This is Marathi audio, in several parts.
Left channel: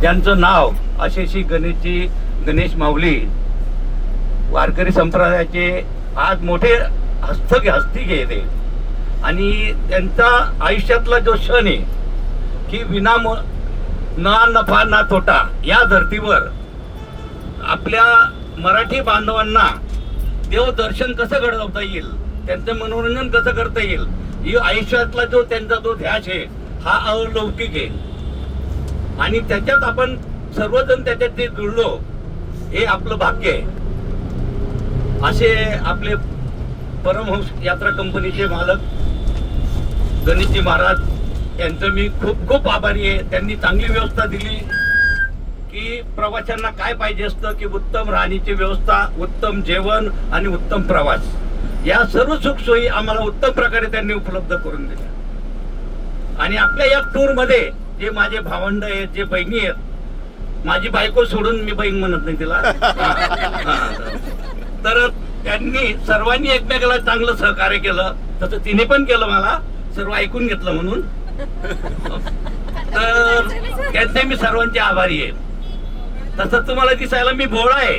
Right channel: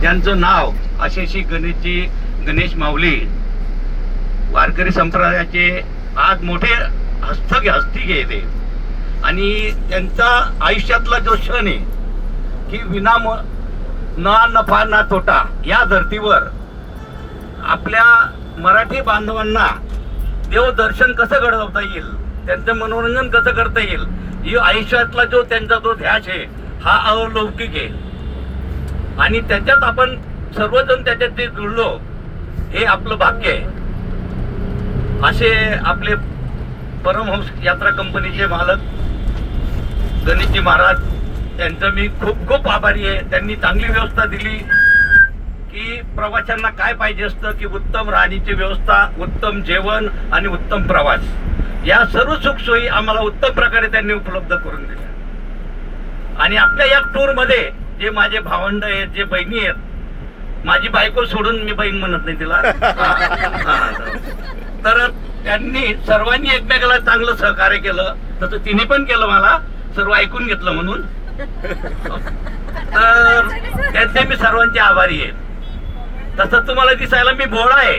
त्यांचं नाव अशेशी गणेशजी गणेश माऊली वारकरी संप्रदायाचे आज मोठे हस्तक हस्ती घेते. आणि त्यांचा आयुष्यातला जो क्षण आहे की विना म- ना नफा ना तोटा या धर्तीवर आपल्या मराठी बांधवांना देवदर्शन कसं घडवता येईल त्यांचं मनोरंजन कसं करता येईल ही आयुष्यातला जो त्यांचा जो ध्यास आहे हा अलौकिक आहे. आणि त्याच्यात आपण सर्वजण त्याच्यात ते जुळलो हे आपलं भाग्य आहे. असे आपले परमहंस यात्रा कंपनीचे मालक गणेशजी महाराज यांचं मी खूप खूप आभारी आहे. त्यांनी चांगली व्यवस्था दिली की प्रवाशांना काय पाहिजे असतं की उत्तम राहण्याची व्यवस्था उत्तम जेवण आणि उत्तम प्रवास. या सर्व सुखसोयी आम्हाला उत्तम प्रकारे त्यांनी उपलब्ध करून दिल्या. आणि आपल्या या टूरमध्ये जे माझे भावंड आहेत जे बहिणी आहेत माझी बायको सोडून मी बहीण म्हणत नाही तिला. तर त्यांनी सर्वांनी एकमेकाला चांगलं सहकार्य केलं. तसं तिने पण केलं मला सर्व ऐकून घेतलं म्हणून. तर त्यांचे मी सर्वांचे आभारी आहे. तसं तुम्हाला दिसायला मी भोळा आहे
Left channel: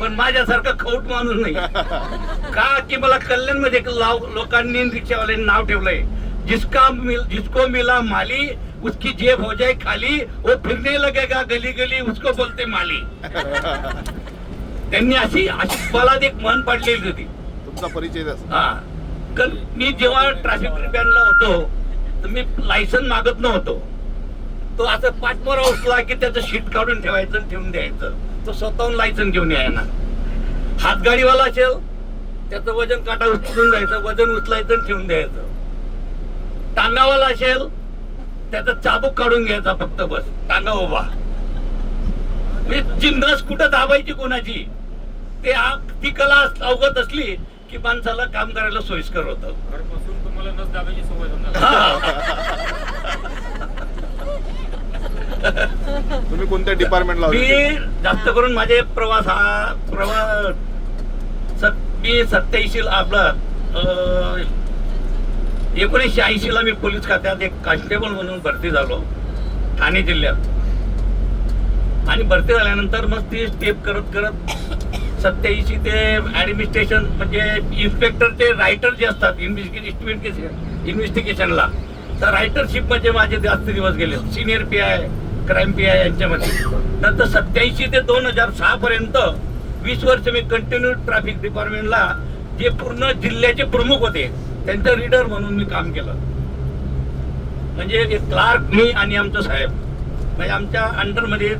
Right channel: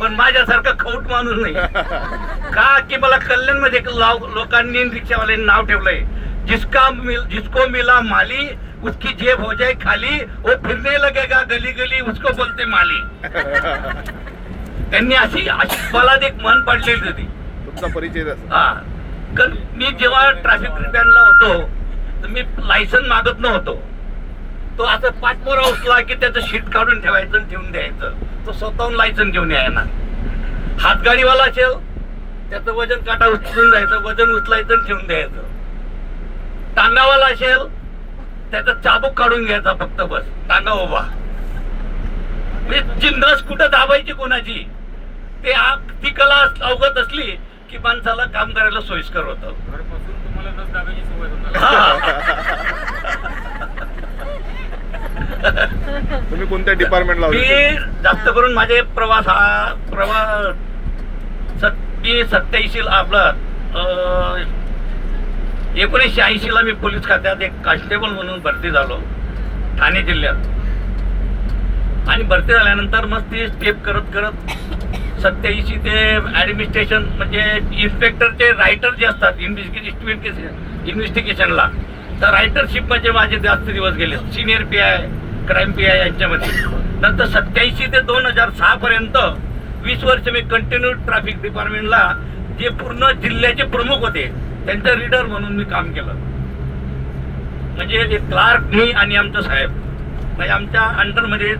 पण माझ्यासारखा खौट माणूस नाही. का की मला कल्याणमध्ये लोकांनी रिक्षावाल्यांनी नाव ठेवलंय. जिसका मिल जिसको मिला माली उसकी जेब हो जाए खाली वो फिरने लगेगा गली गली उसको बोलते माली। त्यांनी अशी अशी मला एक मन पडलेली होती. तुमचा परिचय. हा. कल- मी जेव्हा ट्रॅफिक रिपॅनला होतो तर मी लायसन मागत नव्हतो. तो असं पाठमोरा उचला की त्याचं शीट काढून ठेवायचं आणि ठेवून द्यायचं. तो स्वतःहून लायसन घेऊन यायना. हातगाडीवाला असेल त्याचं वजन काटा उचलून जायचं वजन उचलायचं आणि ठेवून द्यायचं. टांगावाला असेल त्याचा चाबूक काढून घ्यायचा फक्त बस. टांगा उभा. म्हणजे जी नस कुठं दाबायची कोणाची ते ती कला अवगत असली की माणसाला काम करायला सोयीस्कर होतं. तुम्ही कोणत्या डिपार्टमेंटला मी जास्त करून माझे प्रवास हा प्रवास मी सत्याऐंशी आपला एकोणीसशे ऐंशी ला मी पोलीस खात्यात एक कॉन्स्टेबल म्हणून भरती झालो ठाणे जिल्ह्यात. आणि भरती झाल्यानंतर मग ती स्टेप करत करत सत्याऐंशी ते ऍडमिनिस्ट्रेशन म्हणजे इन्स्पेक्टरचे रायटर जे असतात इन्व्हेस्टिगेशन इन्व्हेस्टिगेशनला तर रायटरशिप म्हणजे माझे जास्त दिवस गेले. Senior P I crime P I यांच्यामध्ये. नंतर सत्याऐंशी ते दोन हजार सहा पर्यंत वीस वर्ष मी कंटिन्यू ट्रॅफिक डिपार्टमेंटला जे पूर्ण जिल्ह्याचे प्रमुख होते. त्यांचं रीडर म्हणून मी काम केलं. म्हणजे क्लार्क मी आणि आमचं साहेब. म्हणजे आमच्या अंडरमध्ये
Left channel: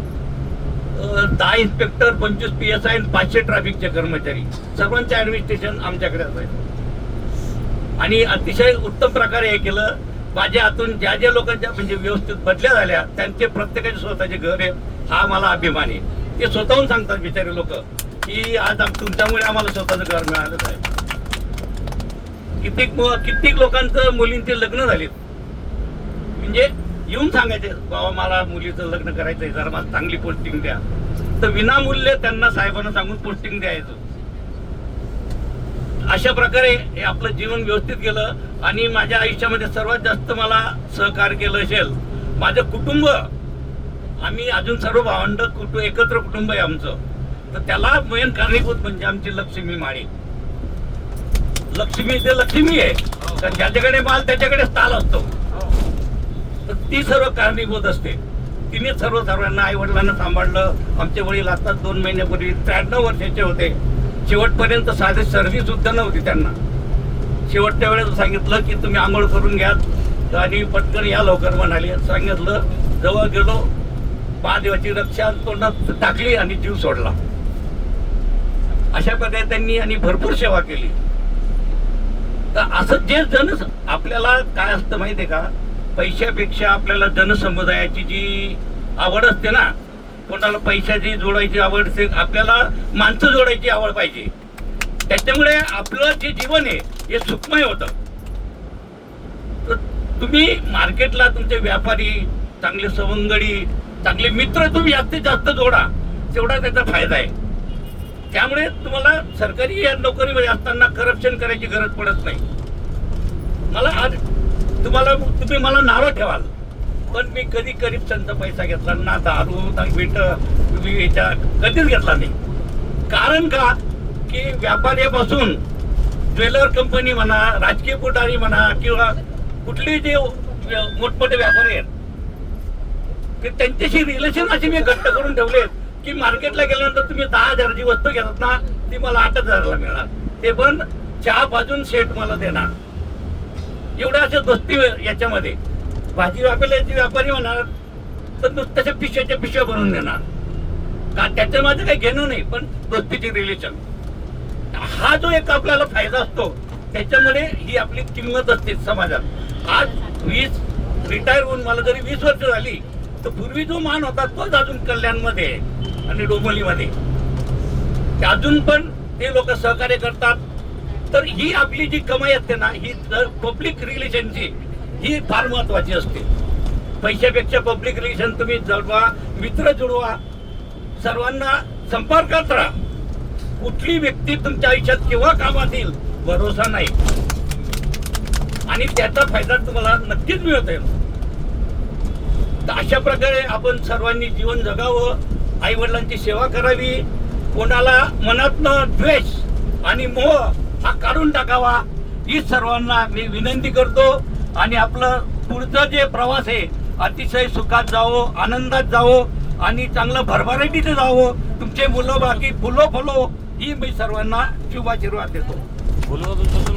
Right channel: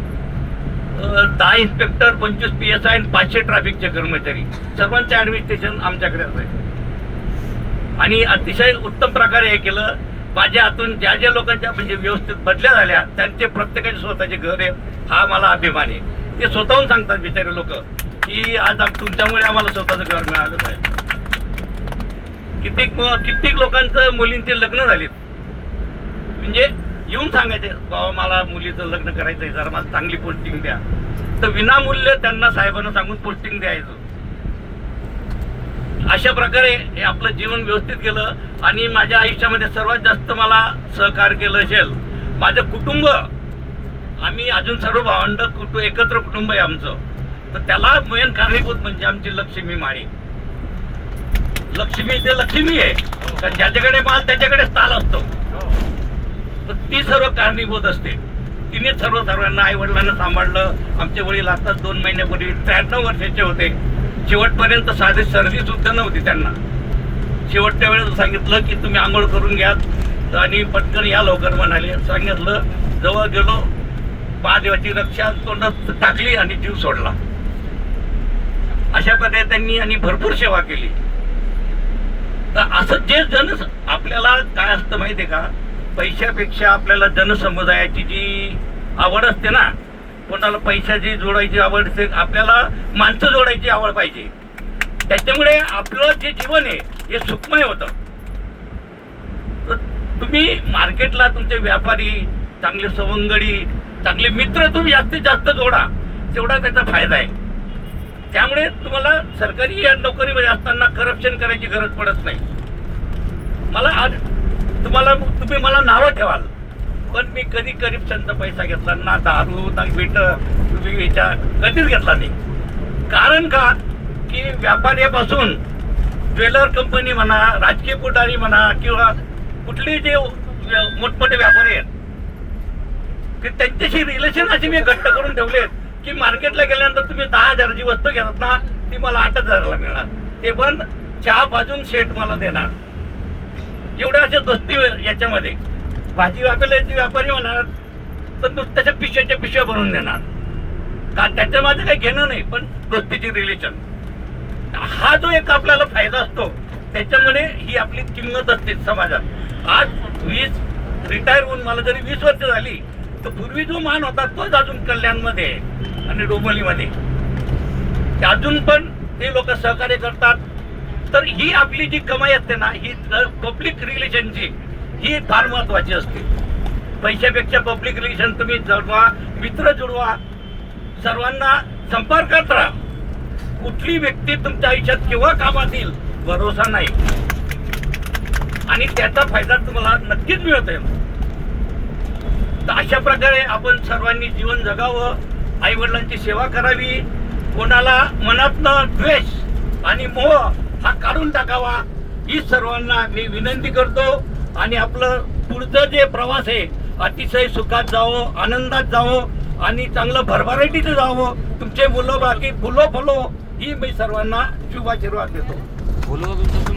दहा इन्स्पेक्टर पंचवीस पी एस आय आणि पाचशे ट्रॅफिकचे कर्मचारी. सर्वांचे ऍडमिनिस्ट्रेशन आमच्याकडेच आहे आणि अतिशय उत्तम प्रकारे हे केलं. माझ्या हातून ज्या ज्या लोकांच्या म्हणजे व्यवस्थित बदल्या झाल्या त्यांचे प्रत्येकाचे स्वतःचे घर आहे हा मला अभिमान आहे. ते स्वतःहून सांगतात बिचारे लोक की आज तुमच्यामुळे आम्हाला स्वतःचं घर मिळालं आहे कित्येक कित्येक लोकांचं मुलींचे लग्न झालेत? म्हणजे येऊन सांगायचे बाबा मला मुलीचं लग्न करायचंय जरा मला चांगली पोस्टिंग द्या. तर विनामूल्य त्यांना साहेबांना सांगून पोस्टिंग द्यायचं. अशा प्रकारे हे आपलं जीवन व्यवस्थित केलं आणि माझ्या आयुष्यामध्ये सर्वात जास्त मला सहकार्य केलं असेल माझं कुटुंब. आम्ही अजून सर्व भावंड कुटुंब एकत्र कुटुंब आहे आमचं. तर त्याला मेन कारणीभूत म्हणजे आमची लक्ष्मी माळी. लक्ष्मी ते लक्ष्मी आहे. कारण ज्याच्याकडे माल त्याच्याकडे ताल असतो. तर ती सर्व कारणीभूत असते. तिने सर्व सर्वांना आई वडिलांना सांभाळलं. आमचे वडील आताच दोन महिन्यापूर्वी त्र्याण्णव वर्षाचे होते. शेवटपर्यंत साधी सर्दी सुद्धा नव्हती त्यांना. शेवटच्या वेळेस सांगितलं की तुम्ही आंघोळ करून घ्या. आणि पटकन या लवकर म्हणाले. सांगितलं जवळ गेलो. महादेवाची रक्षा तोंडात टाकली आणि जीव सोडला. अशा प्रकारे त्यांनी आणि भरपूर सेवा केली. तर असं जे जन आपल्याला काय असतं माहितीये का? पैशापेक्षा आपल्याला जनसमुदायाची जी आवड असते ना कोणाला पैशाची जोडायची आवड असते आपल्याला माणसं जोडायची आवड पाहिजे. त्याच्यामुळे आपलं जे जीवन आहे हे सुखमय होतं. तर तुम्ही मार्केटला तुमचे व्यापारी चांगले सवंगडी चांगले मित्र तुम्ही जास्तीत जास्त जोडा. तेवढा त्याचा फायदा आहे. त्यामुळे तुम्हाला सरकारी या नोकरीमध्ये असताना करप्शन करायची गरज पडत नाही. मला आज तुम्हाला तुम्ही मला नावं ठेवाल. पण मी कधी करप्शनचा पैसा घेतला ना दारू ना भेट याच्या कधीच घेतला नाही. कारण का? की व्यापाऱ्यापासून ज्वेलर कंपनी म्हणा राजकीय पुढारी म्हणा किंवा कुठले जे मोठमोठे व्यापारी आहेत त्यांच्याशी रिलेशन असे मी घट्ट करून ठेवले की मार्केटला गेल्यानंतर तुम्ही दहा हजाराची वस्तू घेतात ना ती मला आठ हजारला मिळणार. ते पण चहा भाजून सेट मला देणार. एवढ्या अशा दोस्ती याच्यामध्ये. भाजी वापरल्याची व्यापारी म्हणणार तर नुसत्याच्या पिशव्याच्या पिशव्या बनवून देणार. का त्याच्यामध्ये काही घेणं नाही पण दोस्तीची रिलेशन हा जो एक आपल्याला फायदा असतो त्याच्यामुळे ही आपली किंमत असते समाजात. आज वीस रिटायर होऊन मला जरी वीस वर्ष झाली तर पूर्वी जो मान होता तोच अजून कल्याणमध्ये आहे. आणि डोंबिवलीमध्ये. अजून पण ते लोक सहकार्य करतात. तर ही आपली जी कमाई असते ना ही पब्लिक रिलेशनची ही फार महत्वाची असते. पैशापेक्षा पब्लिक रिलेशन तुम्ही जडवा मित्र जुळवा सर्वांना संपर्कात राहा. कुठली व्यक्ती तुमच्या आयुष्यात केव्हा कामात येईल भरोसा नाही. आणि त्याचा फायदा तुम्हाला नक्कीच मिळतोय. तर अशा प्रकारे आपण सर्वांनी जीवन जगावं. आई वडिलांची सेवा करावी कोणाला मनातनं द्वेष आणि मोह हा काढून टाकावा ही सर्वांना मी विनंती करतो. आणि आपलं पुढचं जे प्रवास आहे अतिशय सुखात जावं आनंदात जावं आणि चांगलं भरभराटीचं जावं. तुमचे मुलं बाकी फुलो फुलो ही मी सर्वांना शुभाशीर्वाद देतो.